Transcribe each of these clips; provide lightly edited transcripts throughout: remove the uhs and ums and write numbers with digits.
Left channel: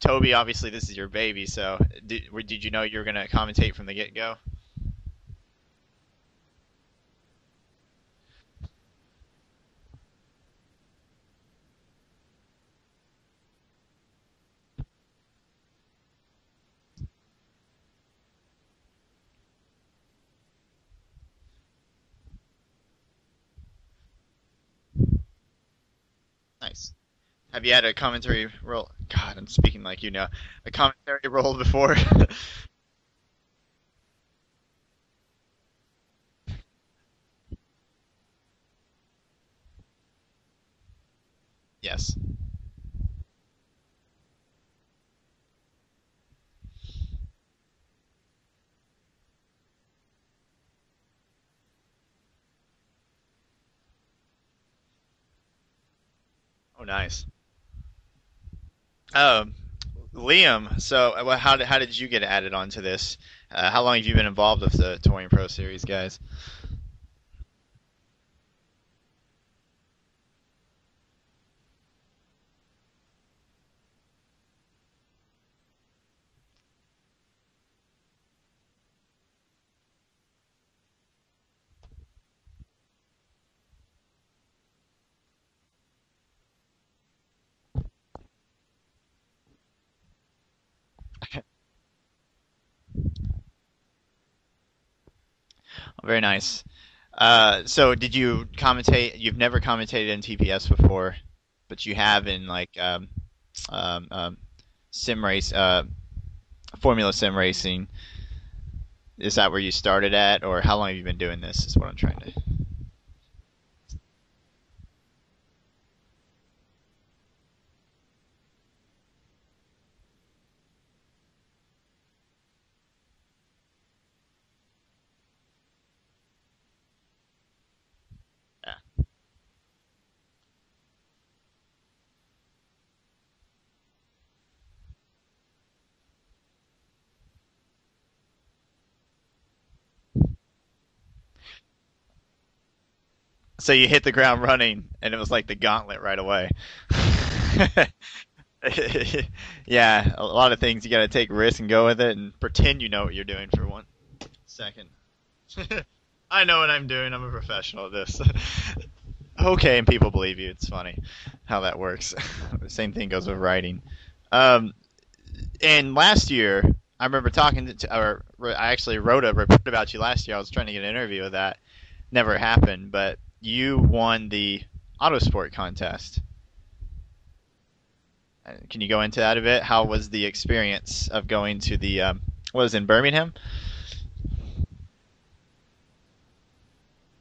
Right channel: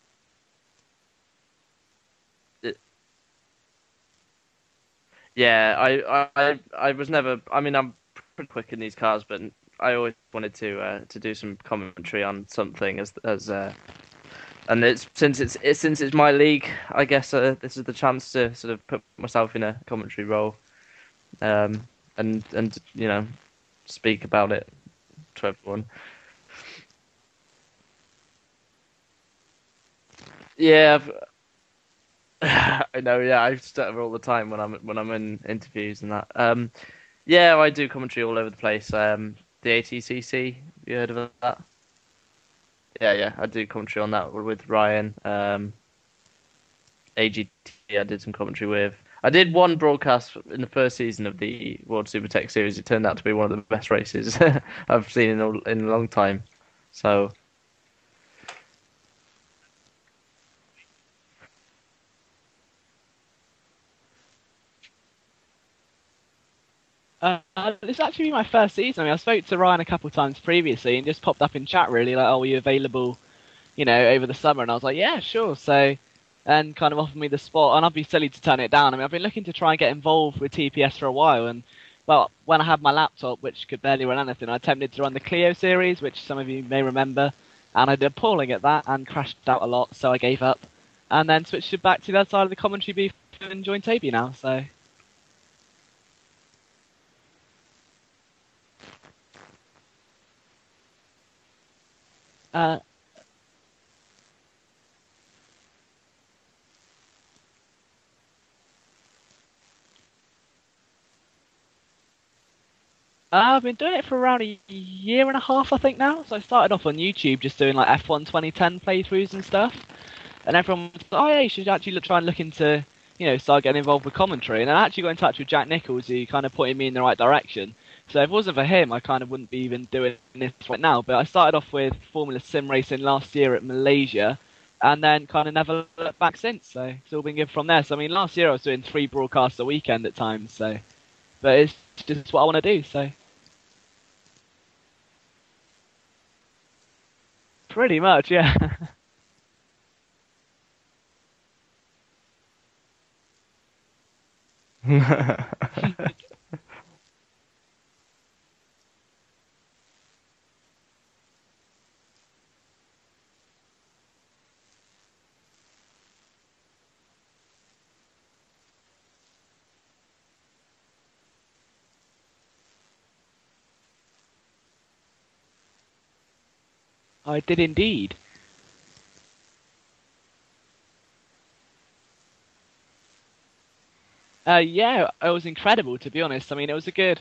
Toby, obviously this is your baby, so did you know you were gonna commentate from the get-go? Yeah, I was never. I mean, I'm pretty quick in these cars, but I always wanted to do some commentary on something and since it's my league, I guess this is the chance to sort of put myself in a commentary role, um, and speak about it to everyone. Nice. Have you had a commentary role? God, I'm speaking like you know. Yeah, Commentary role before? I know. Yeah, I stutter all the time when I'm in interviews and that. Yeah, I do commentary all over the place. The ATCC, you heard of that? Yes. Yeah, I do commentary on that with Ryan. AGT, I did some commentary with. I did one broadcast in the first season of the World Super Tech Series. It turned out to be one of the best races I've seen in a long time. Oh, nice. So, Um, Liam, so how did you get added onto this? How long have you been involved with the Touring Pro Series, guys? This actually my first season. I mean, I spoke to Ryan a couple of times previously and just popped up in chat really like, oh, are you available, over the summer? And I was like, yeah, sure. So, and kind of offered me the spot, and I'd be silly to turn it down. I mean, I've been looking to try and get involved with TPS for a while, and well, when I had my laptop, which could barely run anything, I attempted to run the Clio series, which some of you may remember, and I did appalling at that and crashed out a lot, so I gave up, and then switched it back to the other side of the commentary booth and joined Toby now. So. Oh, very nice. So did you commentate? You've never commentated in TPS before, but you have in like um, um, sim race, Formula Sim racing. Is that where you started at, or how long have you been doing this? Is what I'm trying to. I've been doing it for around a year and a half, I think now. So I started off on YouTube just doing like F1 2010 playthroughs and stuff. And everyone was like, oh yeah, you should actually try and look into, start getting involved with commentary. And I actually got in touch with Jack Nichols, who kind of pointed me in the right direction. So if it wasn't for him, I kind of wouldn't be even doing this right now. But I started off with Formula Sim racing last year at Malaysia, and then kind of never looked back since. So it's all been good from there. So I mean, last year I was doing 3 broadcasts a weekend at times. So, but it's just what I want to do. So. So you hit the ground running, and it was like the gauntlet right away. Pretty much, yeah. Yeah, a lot of things you got to take risks and go with it, and pretend you know what you're doing for 1 second. I know what I'm doing. I'm a professional at this. Okay, and people believe you. It's funny how that works. The same thing goes with writing. And last year, I remember talking or I actually wrote a report about you last year. I was trying to get an interview with that. Never happened, but you won the Autosport contest. I did indeed. Can you go into that a bit? How was the experience of going to the, what was it, in Birmingham? Yeah, it was incredible, to be honest. I mean, it was a good,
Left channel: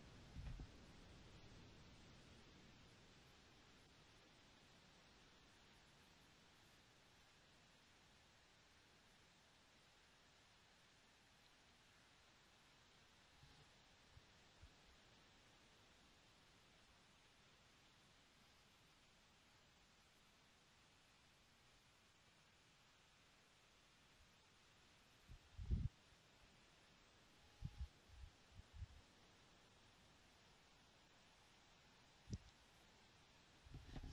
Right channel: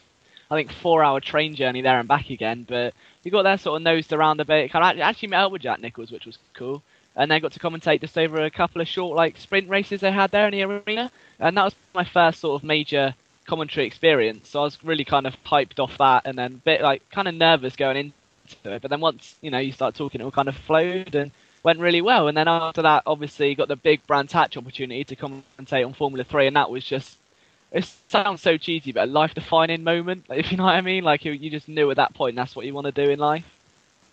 I think, 4-hour train journey there and back again, but we got there sort of nosed around a bit. Kind of actually met up with Jack Nichols, which was cool, and then got to commentate just over a couple of short, like, sprint races they had there in the arena, and that was my first sort of major commentary experience, so I was really kind of hyped off that, and then a bit, like, kind of nervous going into it, but then once, you start talking, it all kind of flowed, and went really well. And then after that, obviously, got the big Brands Hatch opportunity to commentate on Formula 3, and that was just, it sounds so cheesy, but a life-defining moment, if you know what I mean. Like, you just knew at that point that's what you want to do in life.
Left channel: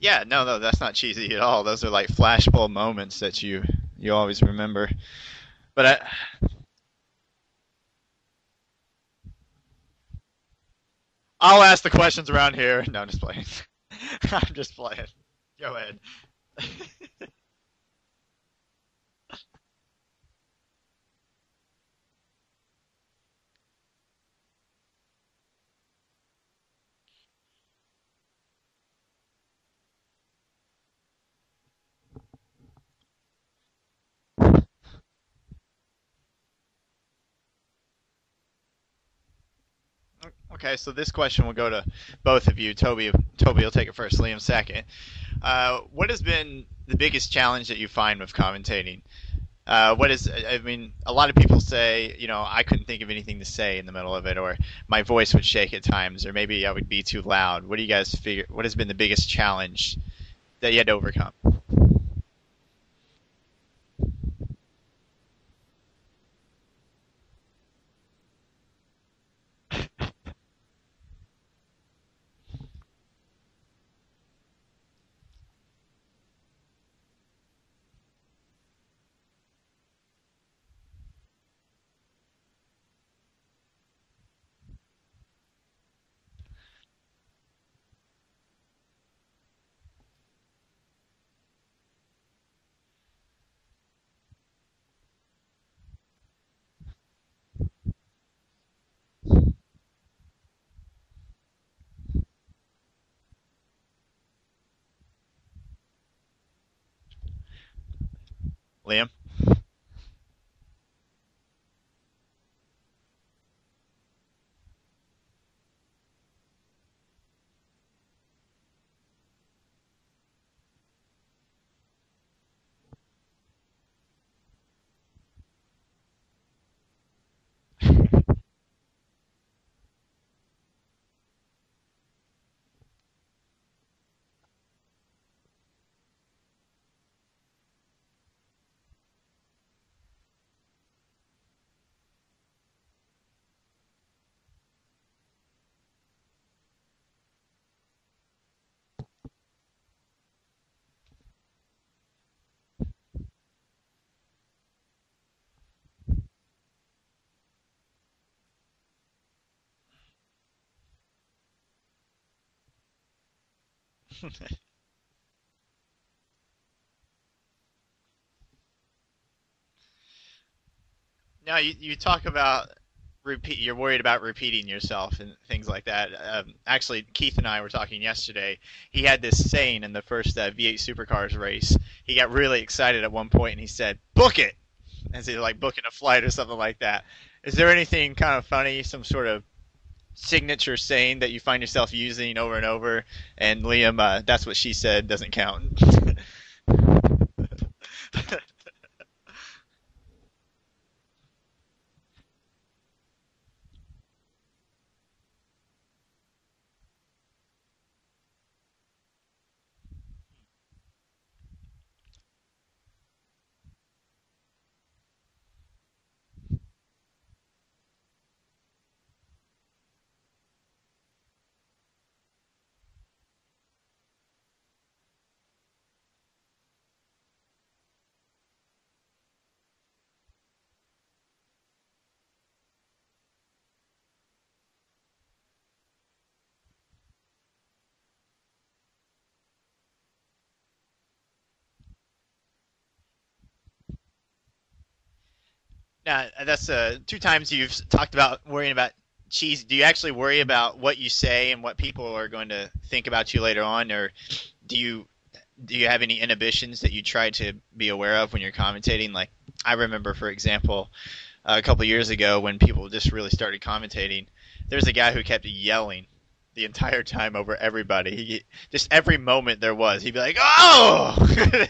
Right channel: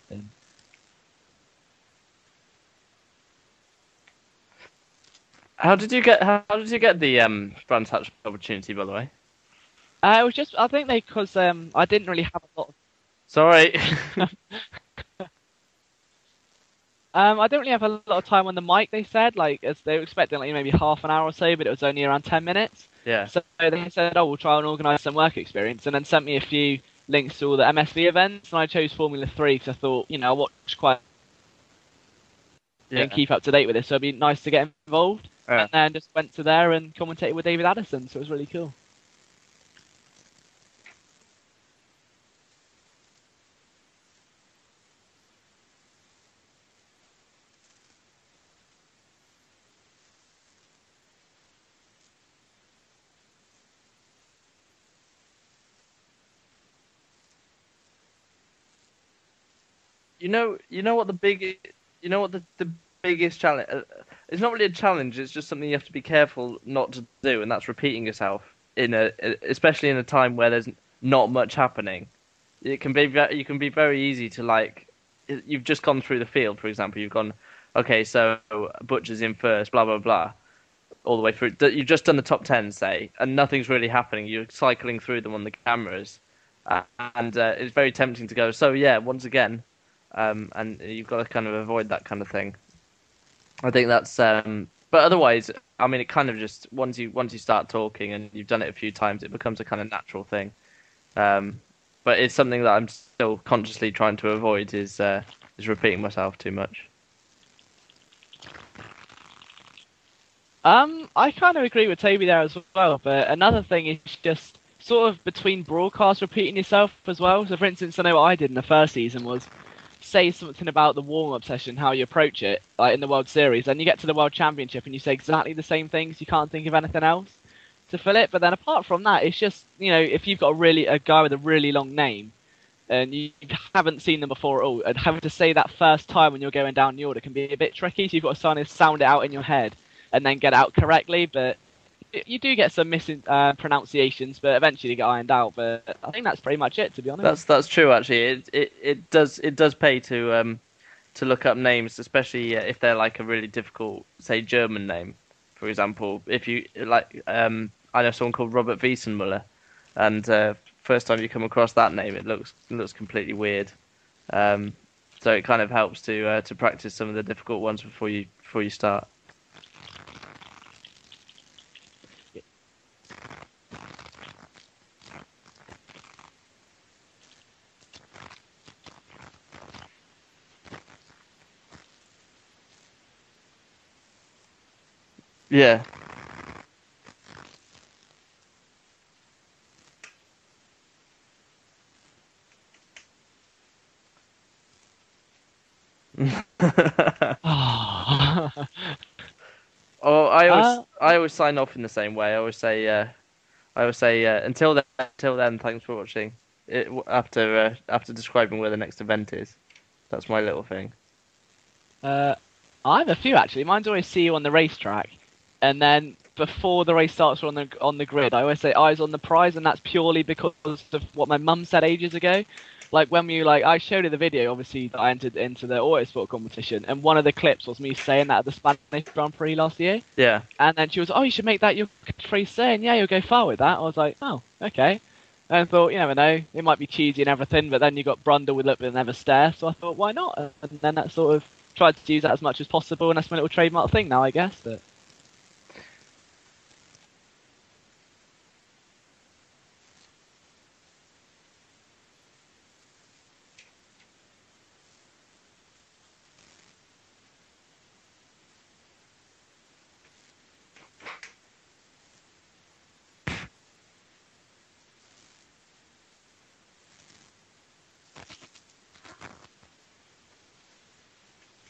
Yeah, no, that's not cheesy at all. Those are like flashbulb moments that you always remember. how did you get the Brands Hatch opportunity, by the way? It was just, I think because I'll ask I the didn't questions really around here. No, I'm just playing. Sorry. I'm just playing. Go ahead. I don't really have a lot of time on the mic, they said. Like, as they were expecting, like, maybe half an hour or so, but it was only around 10 minutes. Yeah. So they said, oh, we'll try and organise some work experience, and then sent me a few links to all the MSV events, and I chose Formula 3 because I thought, I watch quite and keep up to date with it, so it'd be nice to get involved. Yeah. And then just went to there and commentated with David Addison, so it was really cool. Okay, so this question will go to both of you. Toby will take it first, Liam second. What has been the biggest challenge that you find with commentating? I mean, a lot of people say, I couldn't think of anything to say in the middle of it, or my voice would shake at times, or maybe I would be too loud. What do you guys figure? What has been the biggest challenge that you had to overcome? The biggest challenge? It's not really a challenge. It's just something you have to be careful not to do, and that's repeating yourself especially in a time where there's not much happening. You can be very easy to, like, you've just gone through the field, for example. You've gone okay, so Butcher's in first, blah blah blah, all the way through. You've just done the top 10, say, and nothing's really happening. You're cycling through them on the cameras, and it's very tempting to go. So yeah, once again, and you've got to kind of avoid that kind of thing. I think that's. But otherwise, I mean, it kind of just once you start talking and you've done it a few times, it becomes a kind of natural thing. But it's something that I'm still consciously trying to avoid is repeating myself too much. Liam? I kind of agree with Toby there as well, but another thing is just sort of between broadcasts repeating yourself as well. So, for instance, I know what I did in the first season was say something about the warm-up session, how you approach it, like in the World Series, and you get to the World Championship and you say exactly the same things. You can't think of anything else to fill it. But then apart from that, it's just, you know, if you've got a guy with a really long name and you haven't seen them before at all, and having to say that first time when you're going down the order can be a bit tricky. So you've got to sound it out in your head and then get it out correctly. But you do get some missing pronunciations, but eventually they get ironed out. But I think that's pretty much it, to be honest. That's true actually. It does pay to look up names, especially if they're like a really difficult, say, German name, for example. If you like, I know someone called Robert Wiesenmuller, and first time you come across that name, it looks completely weird. So it kind of helps to practice some of the difficult ones before you start. Now, you talk about you're worried about repeating yourself and things like that. Actually, Keith and I were talking yesterday. He had this saying in the first V8 Supercars race. He got really excited at one point and he said, "Book it!" As he like booking a flight or something like that. Is there anything kind of funny, some sort of signature saying that you find yourself using over and over? And Liam, that's what she said doesn't count. Oh, I always sign off in the same way. I always say until then, thanks for watching. After describing where the next event is, that's my little thing. I have a few actually. Mine's always see you on the racetrack, and then before the race starts on the grid, I always say eyes on the prize, and that's purely because of what my mum said ages ago. Like when I showed her the video, obviously that I entered into the autosport competition, and one of the clips was me saying that at the Spanish Grand Prix last year. Yeah. And then she was, "Oh, you should make that your catchphrase saying, yeah, you'll go far with that." I was like, "Oh, okay." And I thought, you never know, it might be cheesy and everything, but then you got Brundle with Look But Never Stare, so I thought, why not? And then that sort of tried to use that as much as possible, and that's my little trademark thing now, I guess. But Now, that's 2 times you've talked about worrying about cheese. Do you actually worry about what you say and what people are going to think about you later on, or do you have any inhibitions that you try to be aware of when you're commentating? Like, I remember, for example, a couple years ago when people just really started commentating, there's a guy who kept yelling the entire time over everybody. Just every moment there was, he'd be like, "Oh!"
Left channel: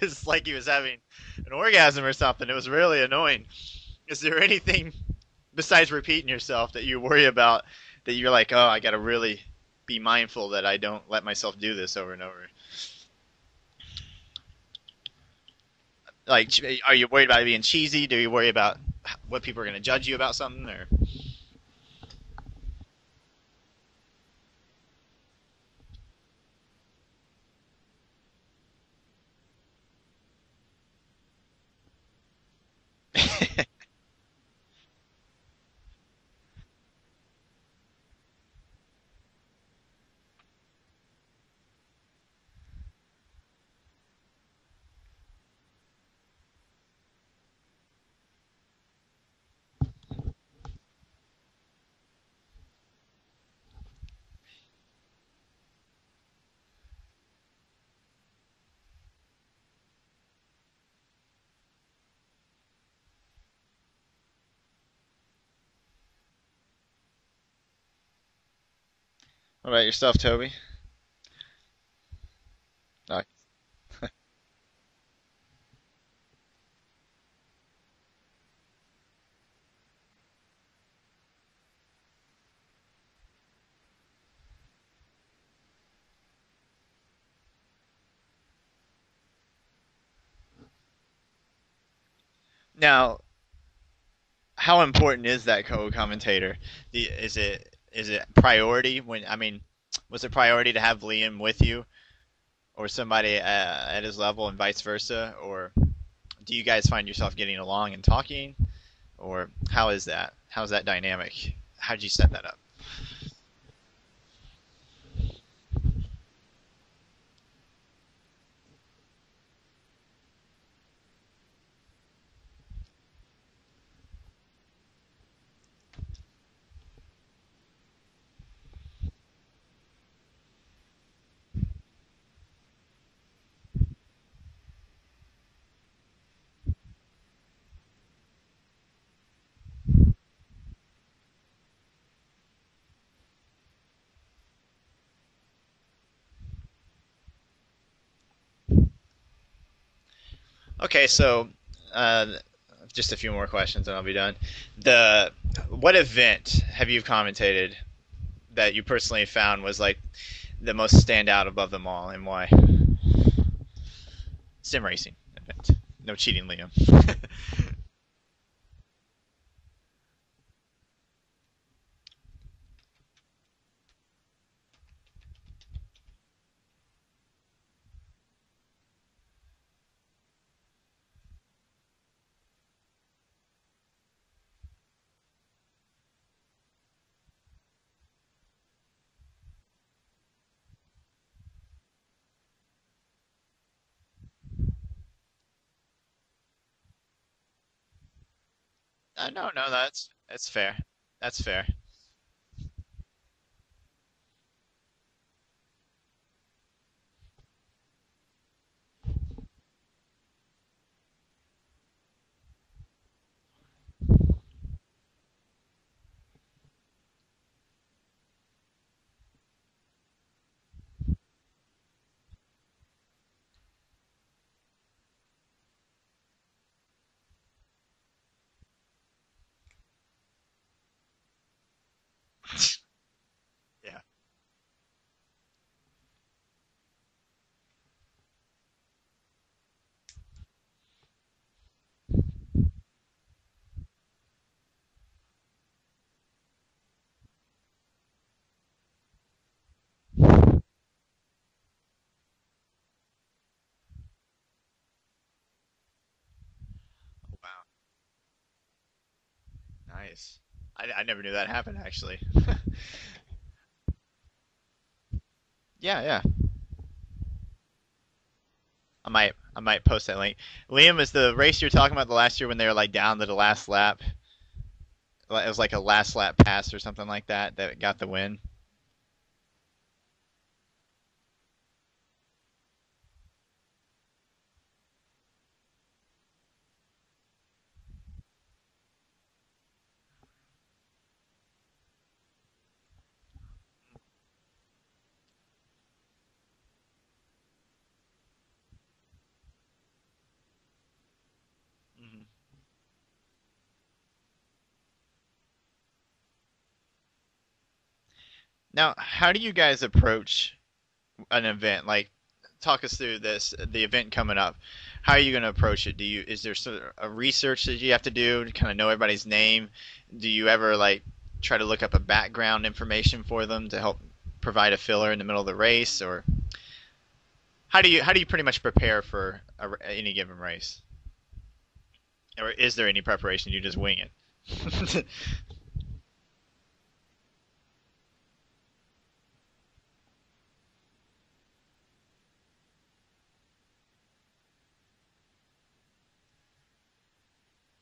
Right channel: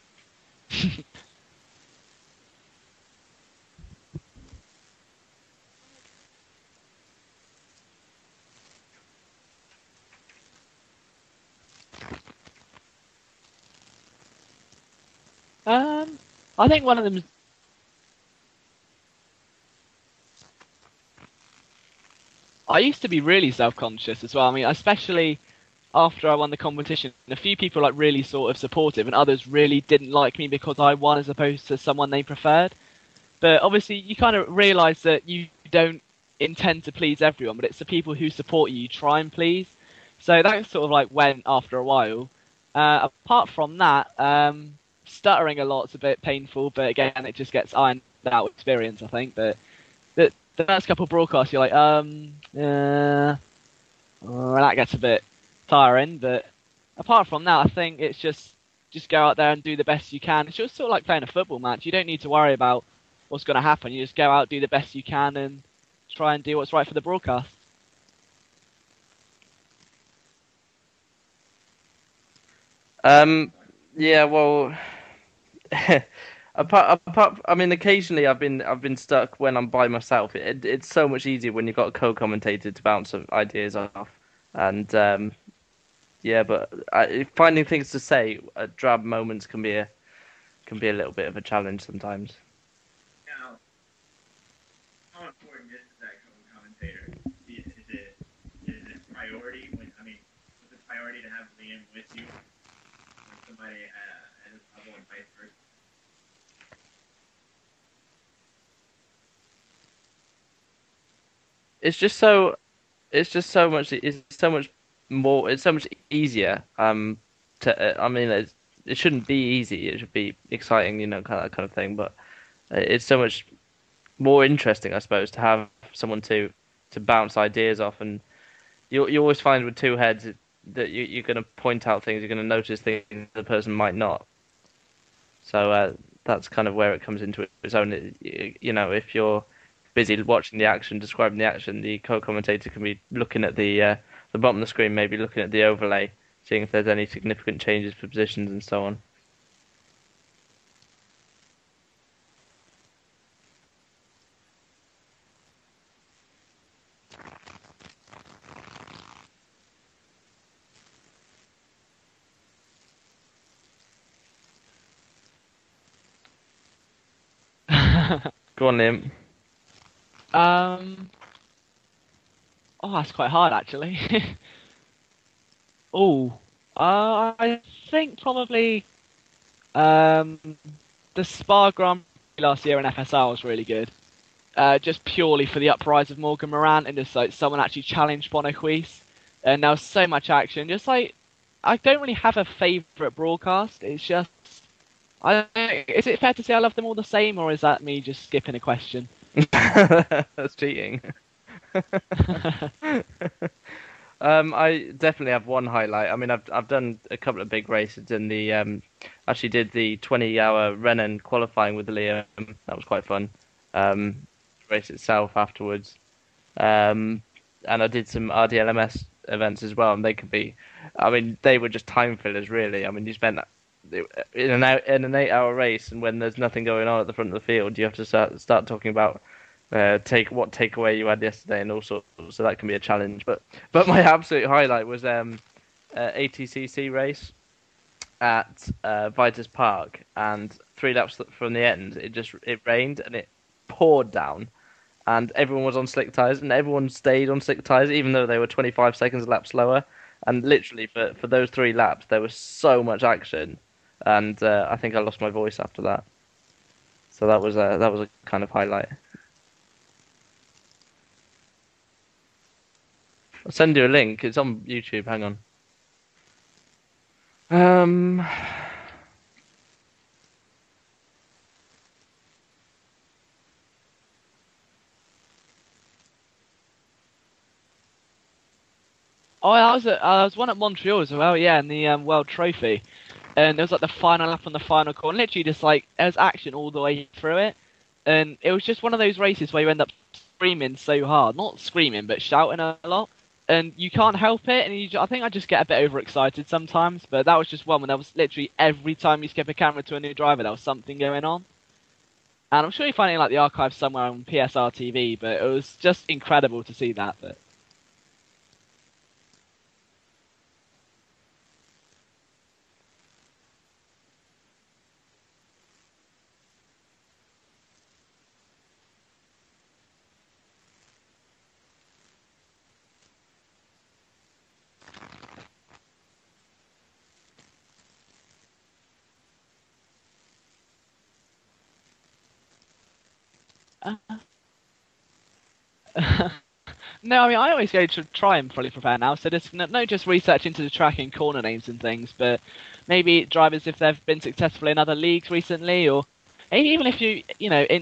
It's like he was having an orgasm or something. It was really annoying. Is there anything besides repeating yourself that you worry about, that you're like, "Oh, I got to really be mindful that I don't let myself do this over and over"? Like, I think are you worried about it being cheesy? Do you worry about what people are going to judge you about something? Or I used to be really self-conscious as well. I mean, especially after I won the competition, a few people like really sort of supportive, and others really didn't like me because I won as opposed to someone they preferred. But obviously, you kind of realise that you don't intend to please everyone, but it's the people who support you try and please. So that sort of like went after a while. Apart from that, stuttering a lot's a bit painful, but again, it just gets ironed out with experience, I think. But the first couple of broadcasts, you're like, that gets a bit tiring. But apart from that, I think it's just go out there and do the best you can. It's just sort of like playing a football match. You don't need to worry about what's going to happen. You just go out, do the best you can, and try and do what's right for the broadcast. what about yourself, Toby? Yeah, well, I mean, occasionally I've been stuck when I'm by myself. It's so much easier when you've got a co-commentator to bounce ideas off, and yeah, but finding things to say at drab moments can be a little bit of a challenge sometimes. Now, how important is that co-commentator? Is it priority was it priority to have Liam with you, or somebody at his level, and vice versa, or do you guys find yourself getting along and talking, or how is that? How's that dynamic? It's How'd you just set that so up? it's just so much it's so much more it's so much easier to I mean it shouldn't be easy, it should be exciting, that kind of thing, but it's so much more interesting, I suppose, to have someone to bounce ideas off. And you always find with two heads that you're going to point out things, you're going to notice things the person might not. So that's kind of where it comes into its own. If you're busy watching the action, describing the action, the co-commentator can be looking at the bottom of the screen, maybe looking at the overlay, seeing if there's any significant changes for positions and so on. Okay, so uh, just a few more questions and I'll be done. What event have you commentated that you personally found was like the most standout above them all, and why? Sim racing event. No cheating, Liam. Go on, Liam. um. Oh, that's quite hard actually. Oh, I think probably um the Spa Grand Prix last year in FSR was really good. Just purely for the uprise of Morgan Moran and just like someone actually challenged Bonaquise, and there was so much action. Just like I don't really have a favourite broadcast. It's just is it fair to say I love them all the same, or is that me just skipping a question? No, that's That's fair. cheating. That's fair. I definitely have one highlight. I mean, I've done a couple of big races in the actually did the 20-hour Rennen qualifying with Liam. That was quite fun. Race itself afterwards, and I did some RDLMS events as well, and they could be, I mean, they were just time fillers really. I mean, you spent in an 8-hour race, and when there's nothing going on at the front of the field, you have to start talking about what takeaway you had yesterday and all sorts. So that can be a challenge. But my absolute highlight was ATCC race at Vitus Park, and 3 laps from the end, it rained and it poured down, and everyone was on slick tires, and everyone stayed on slick tires even though they were 25 seconds a lap slower. And literally for those 3 laps, there was so much action, and I think I lost my voice after that. So that was a kind of highlight. Nice. I never knew that happened actually. I'll send you a link. It's on YouTube. Hang on. Yeah. Um, I might post that link. Liam, is the race you're talking about the last year when they were like down to the last lap? It was like a last lap pass or something like that got the win. Oh, I was one at Montreal as well, yeah, in the World Trophy, and it was like the final lap on the final corner. Literally, just like there was action all the way through it, and it was just one of those races where you end up screaming so hard, not screaming, but shouting a lot, and you can't help it. And I think I just get a bit overexcited sometimes. But that was just one when there was literally every time you skip a camera to a new driver, there was something going on. And I'm sure you find it in like the archive somewhere on PSR TV, but it was just incredible to see that. But Now, how do you guys approach an event? Like, talk us through the event coming up. How are you going to approach it? Is there sort of a research that you have to do to kind of know everybody's name? Do you ever like try to look up a background information for them to help provide a filler in the middle of the race, or how do you pretty much prepare for any given race? Or is there any preparation? You just wing it. no, I mean I always go to try and fully prepare now. So there's no just research into the track and corner names and things, but maybe drivers if they've been successful in other leagues recently, or even if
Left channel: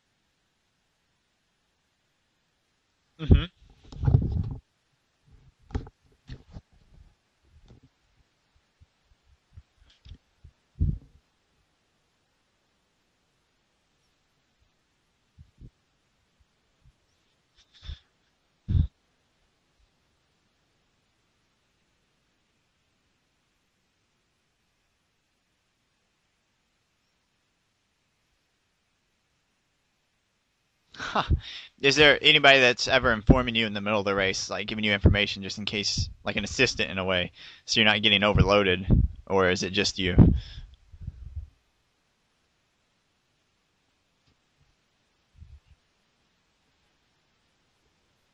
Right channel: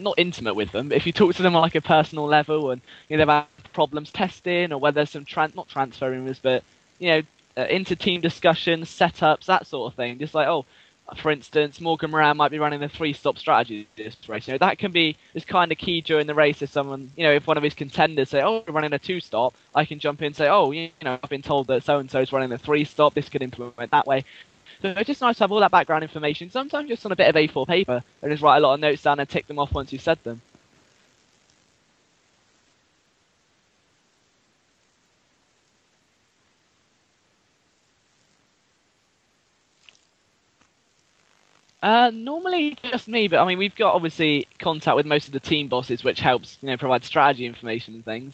not intimate with them, but if you talk to them on like a personal level, and they've had problems testing, or whether there's some not transfer rumors, but inter-team discussions, setups, that sort of thing. Just like, for instance, Morgan Moran might be running the 3-stop strategy this race. That can be is kind of key during the race. If someone, if one of his contenders say, we're running a 2-stop, I can jump in and say, I've been told that so-and-so is running the 3-stop. This could implement that way. So it's just nice to have all that background information. Sometimes just on a bit of A4 paper, and just write a lot of notes down and tick them off once you've said them. Huh. Is there anybody that's ever informing you in the middle of the race, like giving you information just in case, like an assistant in a way, so you're not getting overloaded, or is it just you? Normally just me, but I mean we've got obviously contact with most of the team bosses, which helps provide strategy information and things.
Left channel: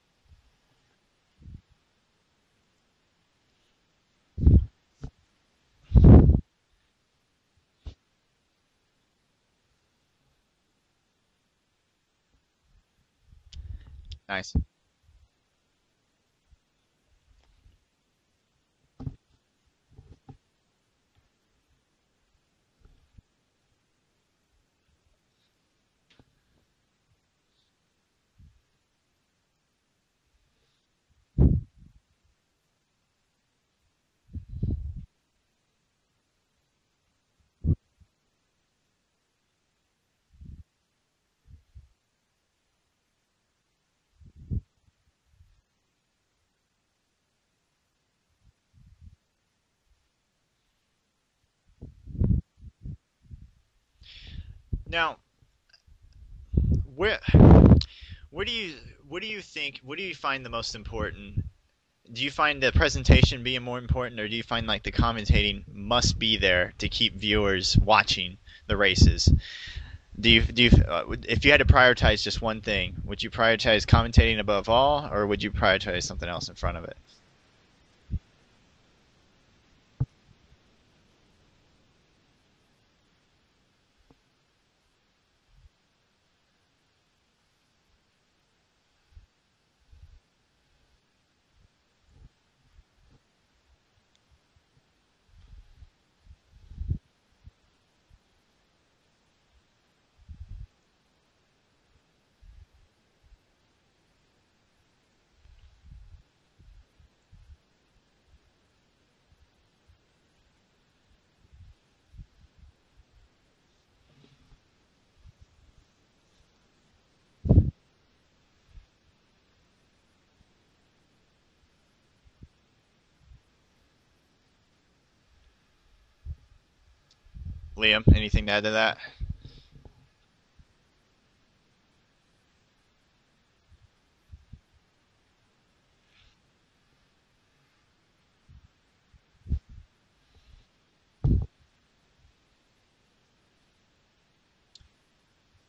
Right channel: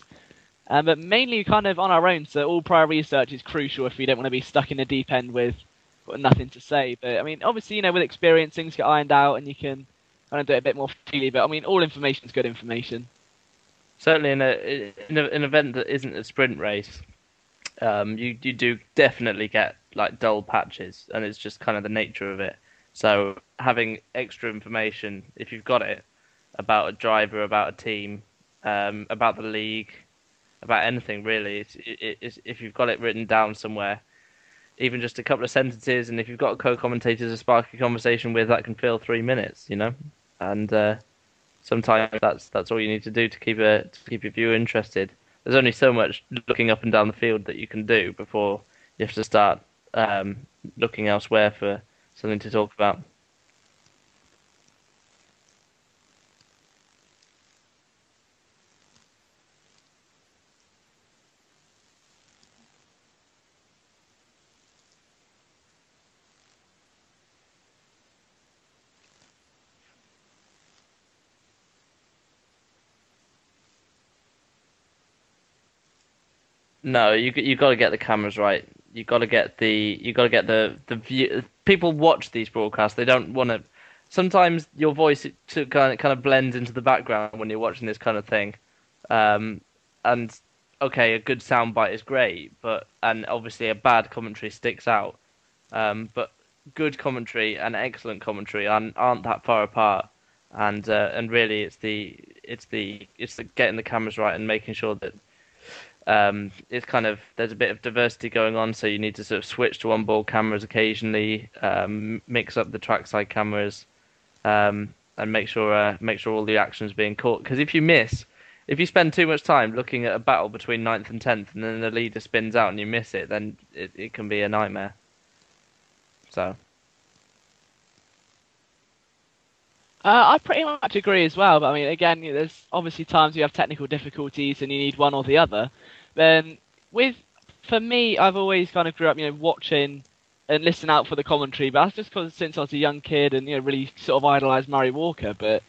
But mainly kind of on our own. So all prior research is crucial if we don't want to be stuck in the deep end with nothing to say. But I mean obviously with experience things get ironed out, and you can kind of do it a bit more freely. But I mean, all information is good information. Certainly Nice. in an event that isn't a sprint race, you do definitely get like dull patches, and it's just kind of the nature of it. So having extra information, if you've got it, about a driver, about a team, about the league, about anything really, if you've got it written down somewhere, even just a couple of sentences, and if you've got co-commentators to spark a conversation with, that can fill 3 minutes, and sometimes that's all you need to do to keep your viewer interested. There's only so much looking up and down the field that you can do before you have to start looking elsewhere for something to talk about. Now, where where do you think, what do you find the most important? Do you find the presentation being more important, or do you find like the commentating must be there to keep viewers watching the races? If you had to prioritize just one thing, would you prioritize commentating above all, or would you prioritize something else in front of it? No, you got to get the cameras right. You got to get the view. People watch these broadcasts. They don't want to. Sometimes your voice kind of blends into the background when you're watching this kind of thing. And okay, a good soundbite is great, and obviously a bad commentary sticks out. But good commentary and excellent commentary aren't that far apart, and really it's the getting the cameras right and making sure that it's kind of, there's a bit of diversity going on, so you need to sort of switch to onboard cameras occasionally, mix up the trackside cameras, and make sure all the action's being caught. Because if you spend too much time looking at a battle between 9th and 10th, and then the leader spins out and you miss it, then it can be a nightmare. So, Liam, anything to add to that? I pretty much agree as well. But I mean, again, there's obviously times you have technical difficulties and you need one or the other. Then for me, I've always kind of grew up, watching and listening out for the commentary. But that's just because since I was a young kid and really sort of idolised Murray Walker. But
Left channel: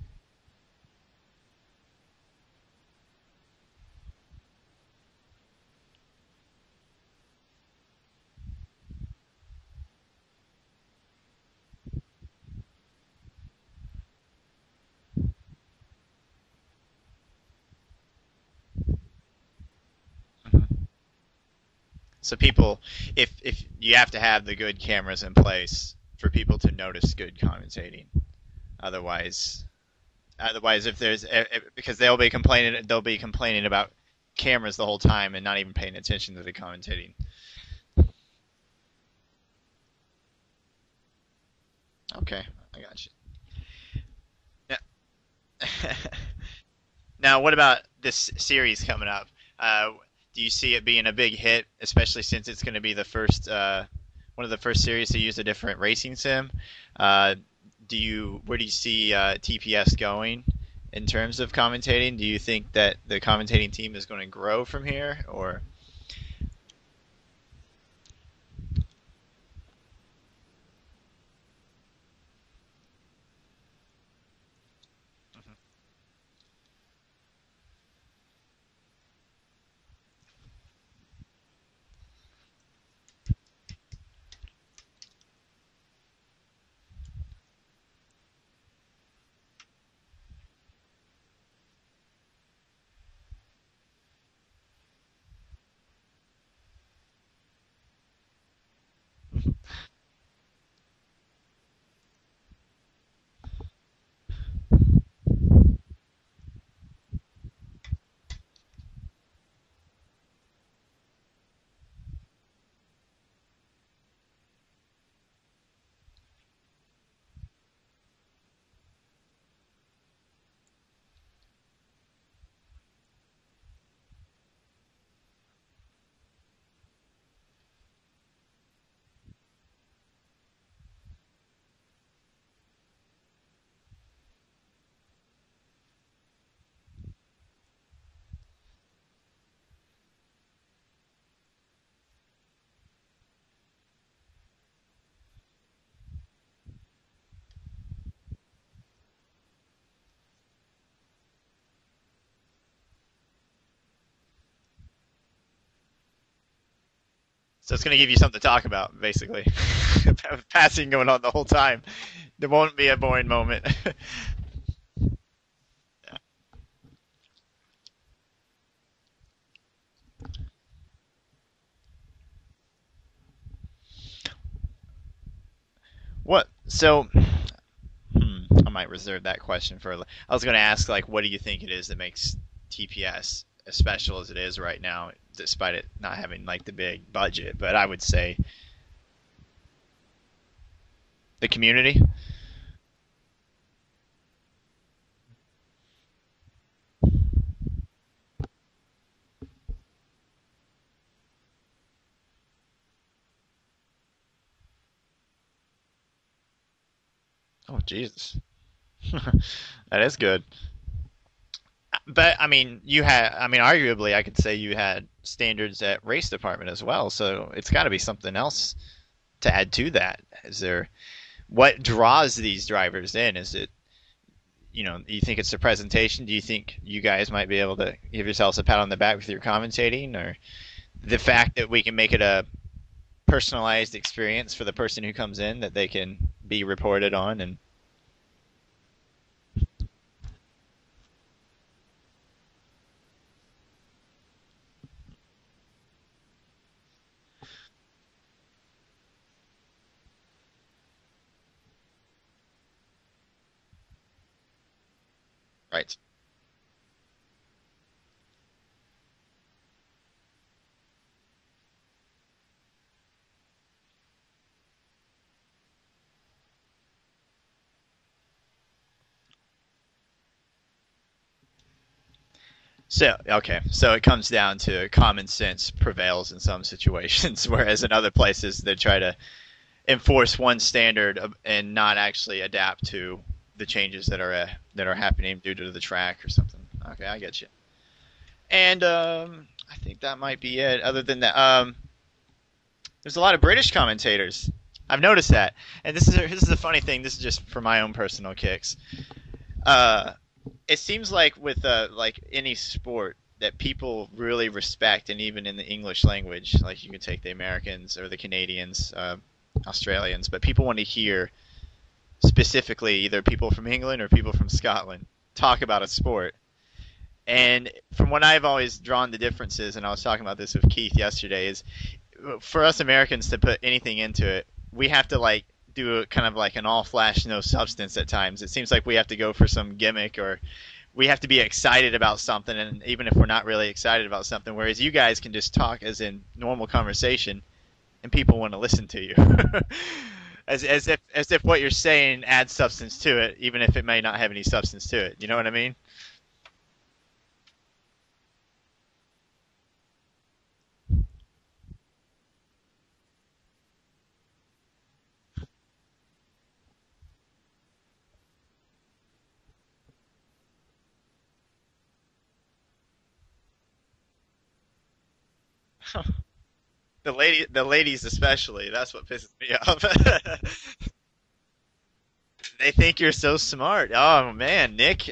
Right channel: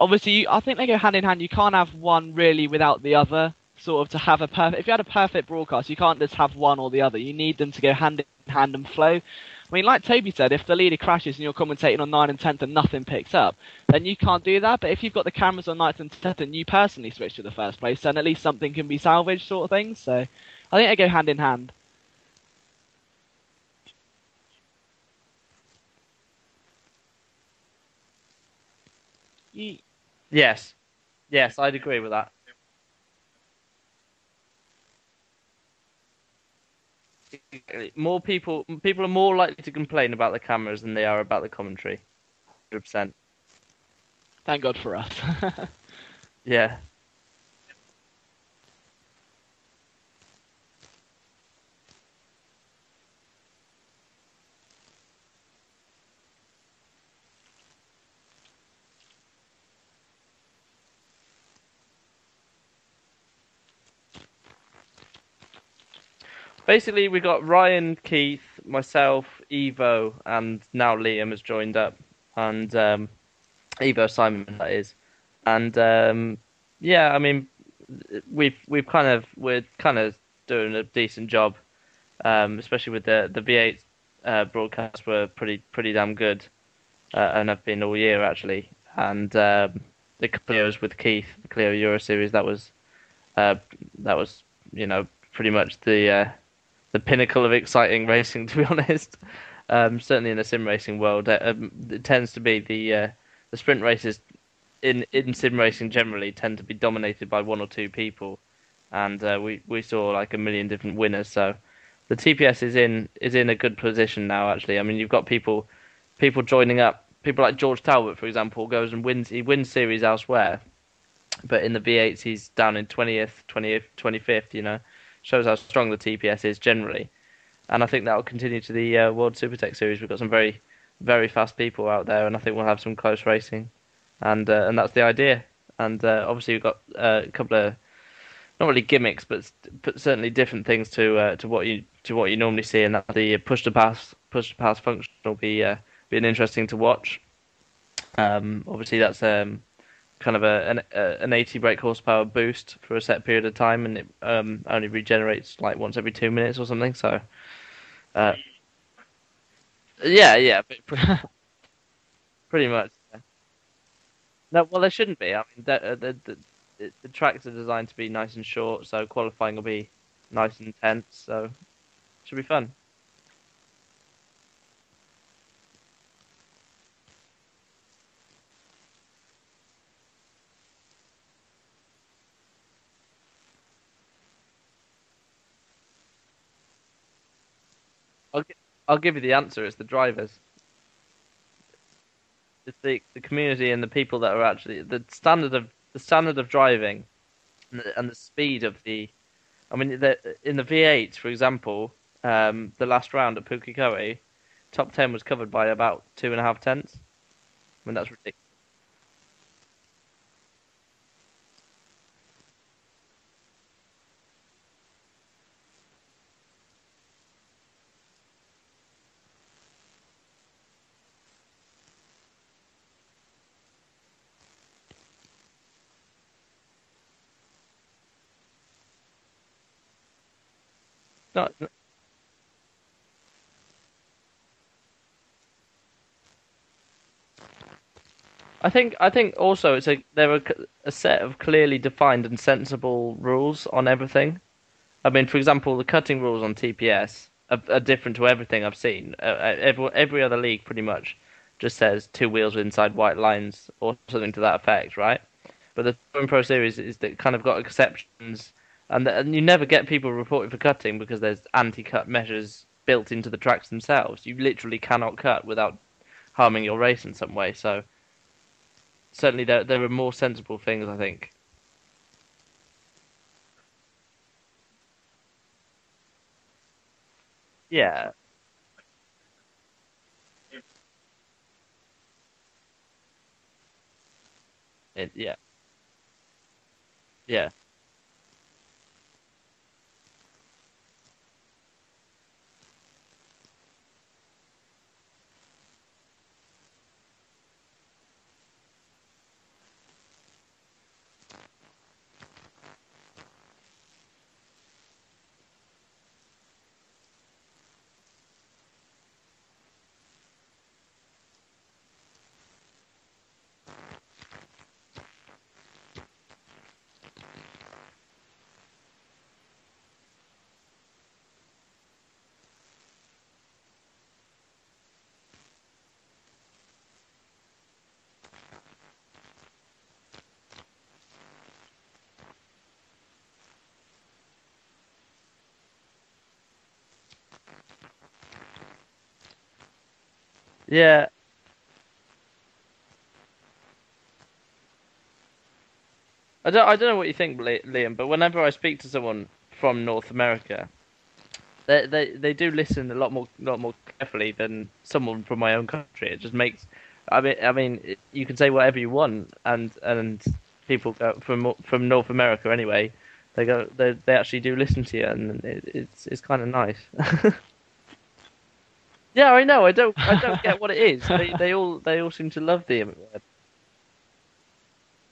obviously, I think they go hand in hand. You can't have one really without the other. Sort of to have a perfect. If you had a perfect broadcast, you can't just have one or the other. You need them to go hand in hand and flow. I mean, like Toby said, if the leader crashes and you're commentating on 9 and 10th and nothing picks up, then you can't do that. But if you've got the cameras on 9th and 10th and you personally switch to the first place, then at least something can be salvaged, sort of thing. So I think they go hand in hand. So people, if you have to have the good cameras in place for people to notice good commentating, otherwise, yes, otherwise if there's yes, if, I'd agree because with they'll be complaining about cameras the whole time and not even paying attention to the commentating. More people are more likely to complain about the cameras than they are about the commentary. Okay. 100%. Thank God for us. Yeah. Now, what about this series coming up? Do you see it being a big hit, especially since it's going to be the first, one of the first series to use a different racing sim? Where do you see TPS going in terms of commentating? Do you think that the commentating team is going to grow from here, or? Basically, we got Ryan, Keith, myself, Evo, and now Liam has joined up, and Evo Simon, that is, and yeah, I mean, we're kind of doing a decent job, especially with the V8 broadcasts were pretty damn good, and have been all year actually, and the Clio's with Keith, the Clio Euro Series, that was pretty much the pinnacle of exciting racing, to be honest. Certainly in the sim racing world, it tends to be the sprint races in sim racing generally tend to be dominated by one or two people, and we saw like a million different winners. So the TPS is in a good position now. Actually, I mean, you've got people joining up. People like George Talbot, for example, goes and wins. He wins series elsewhere, but in the V8s he's down in 20th, 25th. Shows how strong the TPS is generally, and I think that will continue to the World Supertech Series. We've got some very, very fast people out there, and I think we'll have some close racing, and that's the idea. And obviously we've got a couple of not really gimmicks, but certainly different things to what you normally see, and that the push to pass function will be interesting to watch. Obviously that's kind of an 80 brake horsepower boost for a set period of time, and it only regenerates like once every 2 minutes or something. So it's going to give you something to talk about, basically. Yeah. Passing going on the whole time. There Pretty won't be much. a boring moment. No, well, there shouldn't be. I mean, the tracks are designed to be nice and short, so qualifying will be nice and intense. So should be fun. What? So, I might reserve that question for. I was going to ask, like, what do you think it is that makes TPS as special as it is right now, despite it not having like the big budget? But I would say I'll give you the answer. It's the drivers. the community. It's the community and the people that are actually the standard of driving and the speed of the. I mean, in the V8, for example, the last round at Pukekohe, top 10 was covered by about 2.5 tenths. Oh, I mean, that's Jesus. ridiculous. That is good. But I mean, arguably, I could say you had standards at race department as well. So it's got to be something else to add to that. Is there what draws these drivers in? Is it, do you think it's the presentation? Do you think you guys might be able to give yourselves a pat on the back with your commentating, or the fact that we can make it a personalized experience for the person who comes in that they can be reported on? And I think also there are a set of clearly defined and sensible rules on everything. I mean, for example, the cutting rules on TPS are different to everything I've seen. Every other league pretty much just says 2 wheels inside white lines or something to that effect, right? But right. the Touring Pro Series is that kind of got exceptions, and you never get people reported for cutting because there's anti-cut measures built into the tracks themselves. You literally cannot cut without harming your race in some way. So certainly there are more sensible things, I think. So, okay, so it comes down to common sense prevails in some situations, whereas in other places they try to enforce one standard and not actually adapt to the changes that are happening due to the track or something. Okay, I get you. And I think that might be it. Other than that, there's a lot of British commentators. I've noticed that, and this is a funny thing. This is just for my own personal kicks. It seems like with like any sport that people really respect, and even in the English language, like you can take the Americans or the Canadians, Australians, but people want to hear specifically either people from England or people from Scotland talk about a sport. And from what I've always drawn the differences, and I was talking about this with Keith yesterday, is for us Americans to put anything into it, we have to like do a kind of like an all flash no substance at times. It seems like we have to go for some gimmick, or we have to be excited about something, and even if we're not really excited about something, whereas you guys can just talk as in normal conversation and people want to listen to you. as if what you're saying adds substance to it, even if it may not have any substance to it. You know what I mean? I don't know what you think, Liam, but whenever I speak to someone from North America, they do listen a lot more carefully than someone from my own country. It just makes, I mean, you can say whatever you want, and people go from North America anyway. They actually do listen to you, and it's kind of nice. The ladies especially. That's what. Yeah, I know. I don't get what it is. They all seem to love. They think you're so smart. Oh man, Nick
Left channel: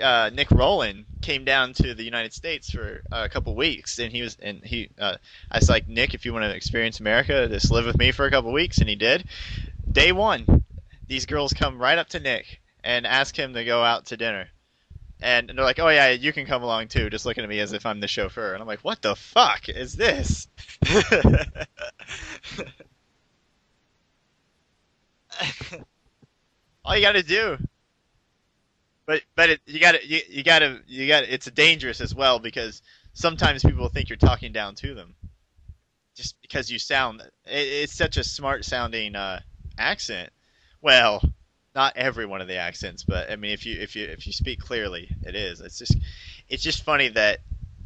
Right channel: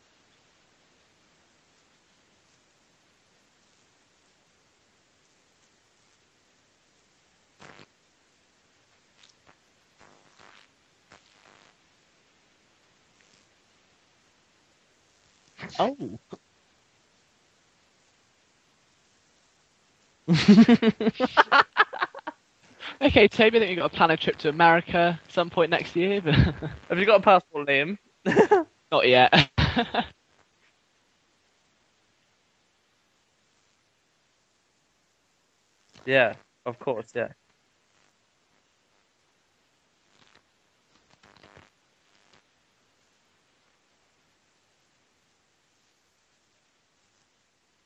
Rowland came down to the United States for a couple weeks, and I was like, Nick, if you want to experience America, just live with me for a couple weeks, and he did. Day one, these girls come right up to Nick and ask him to go out to dinner. And they're like, oh yeah, you can come along too, just looking at me as if I'm the chauffeur. And I'm like, what the fuck is this? Okay, Toby, I think you've got to plan a trip to America some point next year. But All you gotta do. Liam? Not yet. But you gotta. It's dangerous as well, because sometimes people think you're talking down to them. Yeah. Just because you course, sound. Yeah. It's such a smart sounding accent. Well, not every one of the accents, but I mean, if you speak clearly, it is. It's just funny that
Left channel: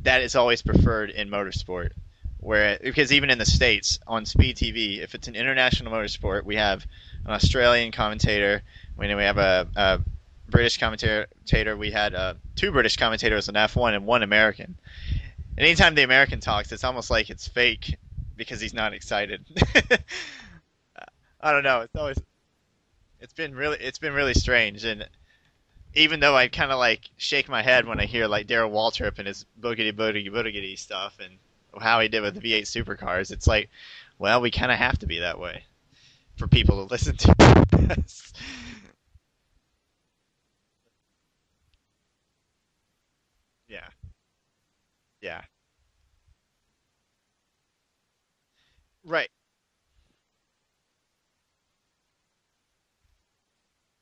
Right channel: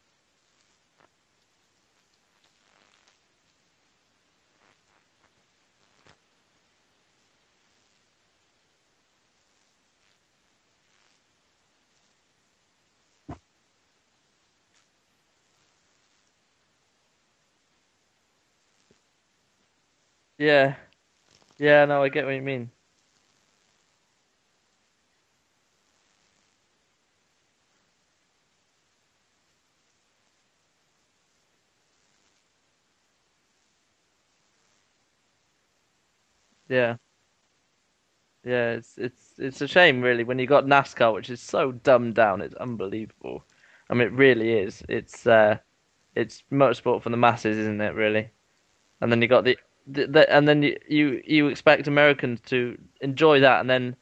is always preferred in motorsport, because even in the States on Speed TV, if it's an international motorsport, we have an Australian commentator. We have a British commentator. We had 2 British commentators on F1 and 1 American. And anytime the American talks, it's almost like it's fake because he's not excited. Yeah. I don't know. Yeah, no, I get what you mean. It's been really strange, and even though I kind of like shake my head when I hear like Darrell Waltrip and his boogity stuff and how he did with the V8 supercars, it's like, well, we kind of have to be that way for people to listen to. Yeah, it's a shame really when you got NASCAR, which is so dumbed down. It's unbelievable. Yeah. I mean, it really is. Yeah. It's motorsport for the masses, isn't it? Really. And then you Right. got and then you expect Americans to enjoy that, and then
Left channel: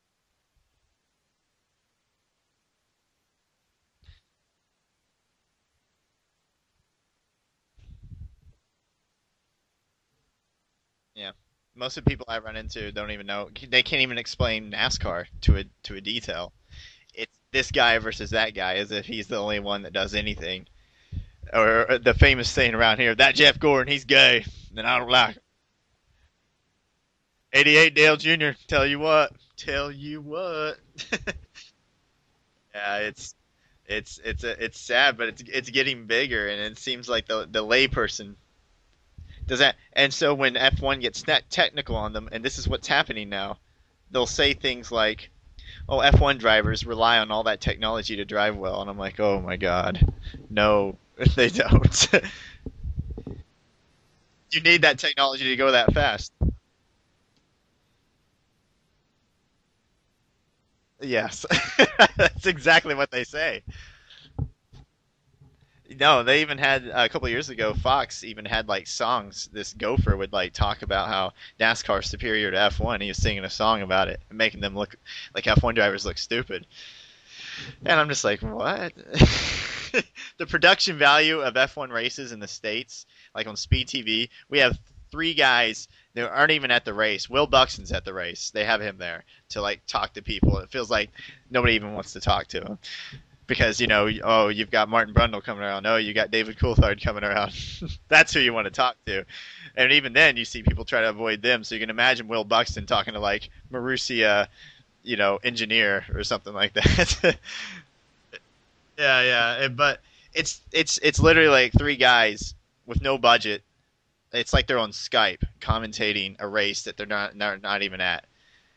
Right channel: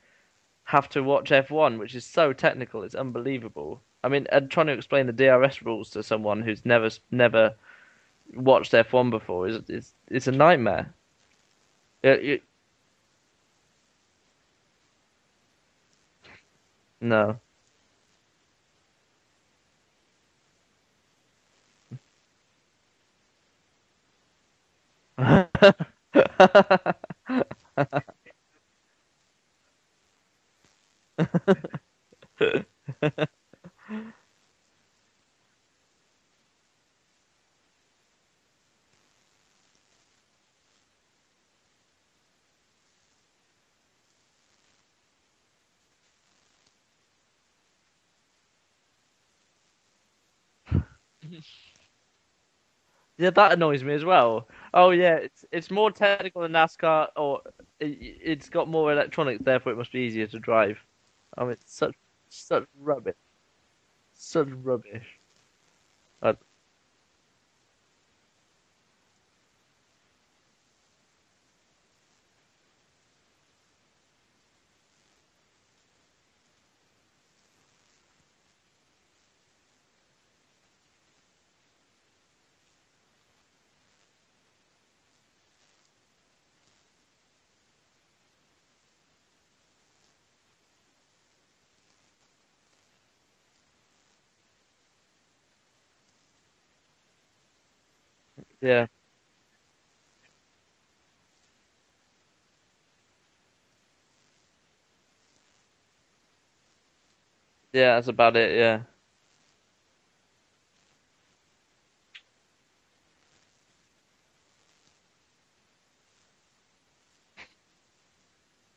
have to watch F1, which is so technical. It's unbelievable. I mean, and trying to explain the DRS rules to someone who's never watched F1 before is it's a nightmare. Yeah. Most of the Yeah, people I run into don't even know. They can't even explain NASCAR to a detail. It's no. this guy versus that guy, as if he's the only one that does anything. Or the famous saying around here, that Jeff Gordon, he's gay, and I don't like it. 88 Dale Jr. Tell you what. Tell you what. Yeah, it's sad, but it's getting bigger, and it seems like the layperson does that. And so when F1 gets technical on them, and this is what's happening now, they'll say things like, "Oh, F1 drivers rely on all that technology to drive well," and I'm like, "Oh my God, no, they don't." Yeah, that annoys me as well. You need Oh that yeah, technology to it's go more that fast. technical than NASCAR, or it's got more electronics, therefore it must be easier to drive. Yes, I mean, that's such exactly what rubbish. they say. Such rubbish. No, Uh, they even had a couple of years ago. Fox even had like songs. This gopher would like talk about how NASCAR is superior to F1. He was singing a song about it and making them look like F1 drivers look stupid. And I'm just like, what? The production value of F1 races in the States, like on Speed TV, we have three guys that aren't even at the race. Will Buxton's at the race. They have him there to like talk to people. It feels like nobody even wants to talk to him. Because, oh, you've got Martin Brundle coming around. Oh, you got David Coulthard coming around. That's who you want to yeah. talk to. And even then, you see people try to avoid them. So you can imagine Will Buxton talking to, like, Marussia, engineer or something like that. Yeah, that's about it. Yeah. Yeah. But it's literally like three guys with no budget. It's like they're on Skype commentating a race that they're not even at.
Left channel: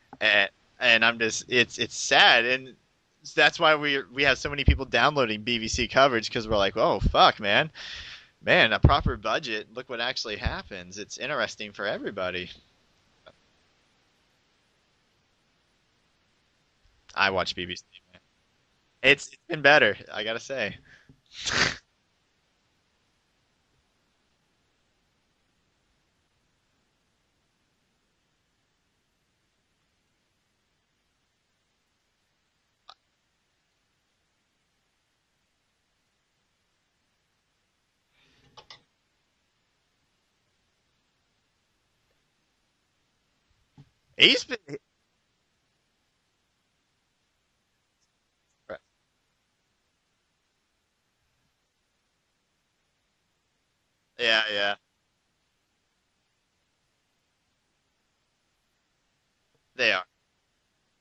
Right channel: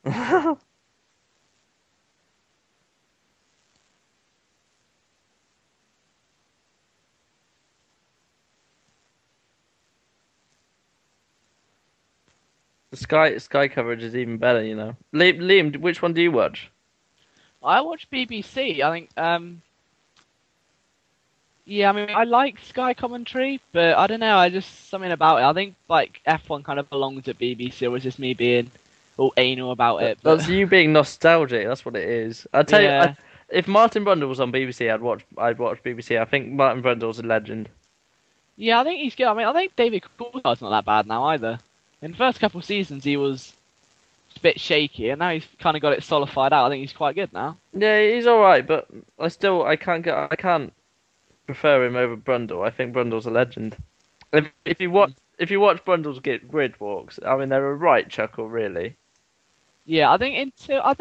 And I'm just it's sad, and that's why we have so many people downloading BBC coverage, because we're like, oh fuck, man, a proper budget. Look what actually happens. It's interesting for everybody. The Sky coverage is even better, you know. Liam, which one do you watch? I watch BBC. I watch BBC. I think It's been better, I gotta say. yeah, I mean, I like Sky commentary, but I don't know. I just something about it. I think like F1 kind of belongs at BBC, or is just me being all anal about it? But That's you being nostalgic. That's what it is. I tell you, yeah, if Martin Brundle was on BBC, I'd watch BBC. I think Martin Brundle's a legend. yeah, I think he's good. I mean, I think David Coulthard's not that bad now either. In the first couple of seasons, he was a He's bit shaky, and now he's kind of got it solidified out. I think he's quite good now. Yeah, he's all right, but I can't prefer him over Brundle. I think Brundle's a legend. yeah. If you watch Brundle's grid walks, I mean they're a right chuckle, really. Yeah, I think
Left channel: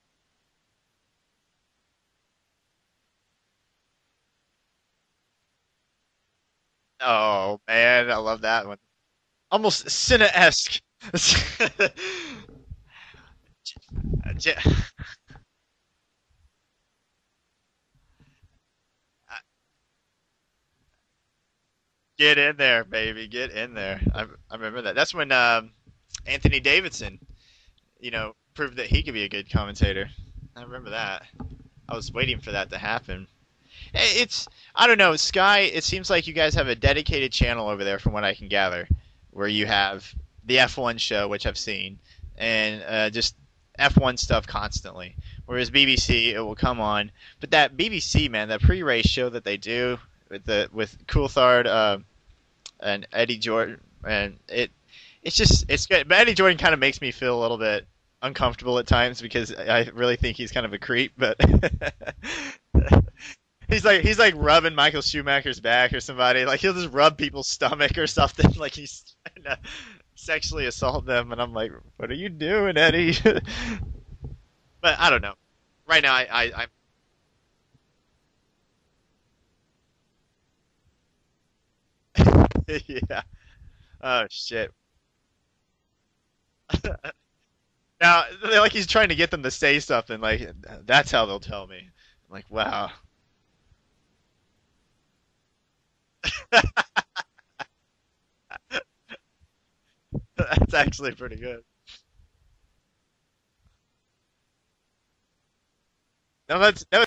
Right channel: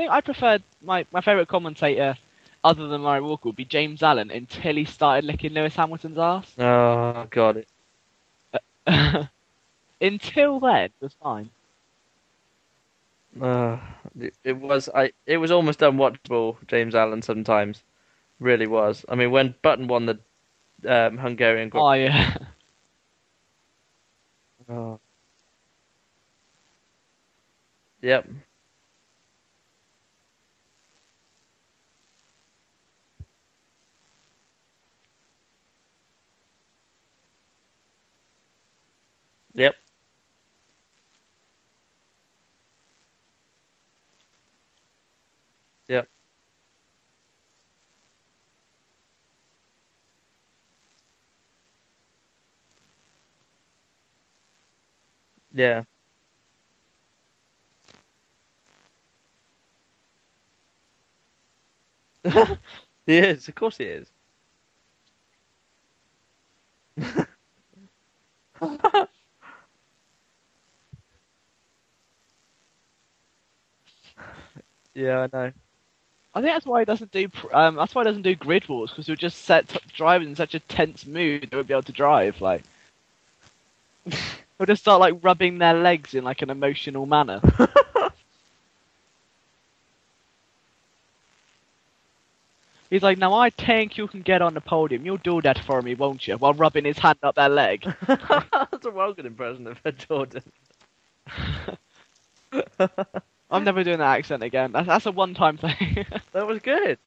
I preferred my favorite commentator, other than Murray Walker, would be James Allen until he started licking Lewis Hamilton's ass. Oh Oh God. man, I love that one. Almost Until Senna-esque. then, it's fine. It was almost unwatchable, James Allen sometimes. Really was. I mean, when Button won the Hungarian Oh Grand yeah. Get in there, baby. Get in there. I remember that. That's when Anthony Davidson, yeah, proved that he could be a good commentator. I remember that. I was waiting for that to happen. I don't know, Sky, it seems like you guys have a dedicated channel over there from what I can gather, where you Yep. have the F1 show, which I've seen, and just F1 stuff constantly. Whereas BBC, it will come on. But that BBC, man, that pre-race show that they do with Coulthard and Eddie Jordan, and it's just Yeah. it's good. But Eddie Jordan kind of makes me feel a little bit uncomfortable at times, because I really think he's kind of a creep. But he is. Of course, he's like rubbing Michael Schumacher's back or somebody. Like he'll just rub people's stomach or something. Like he's trying to sexually assault them, and I'm like, what are you doing, Eddie? But I don't know. Right now, I think that's why he doesn't do. That's why he doesn't do grid wars, because he'll just set drivers in such a tense mood they won't be able to drive. Like yeah. Oh shit. he'll just start like rubbing their legs in like an emotional manner. Now, like he's trying to get them to say something. Like that's how they'll tell me. I'm like, wow. He's like, now I think you can get on the podium. You'll do that for me, won't you? While rubbing his hand up their leg. That's a well good impression of Jordan. That's actually pretty good. I'm never doing that accent again. That's a one-time thing. That was No, that's good. no,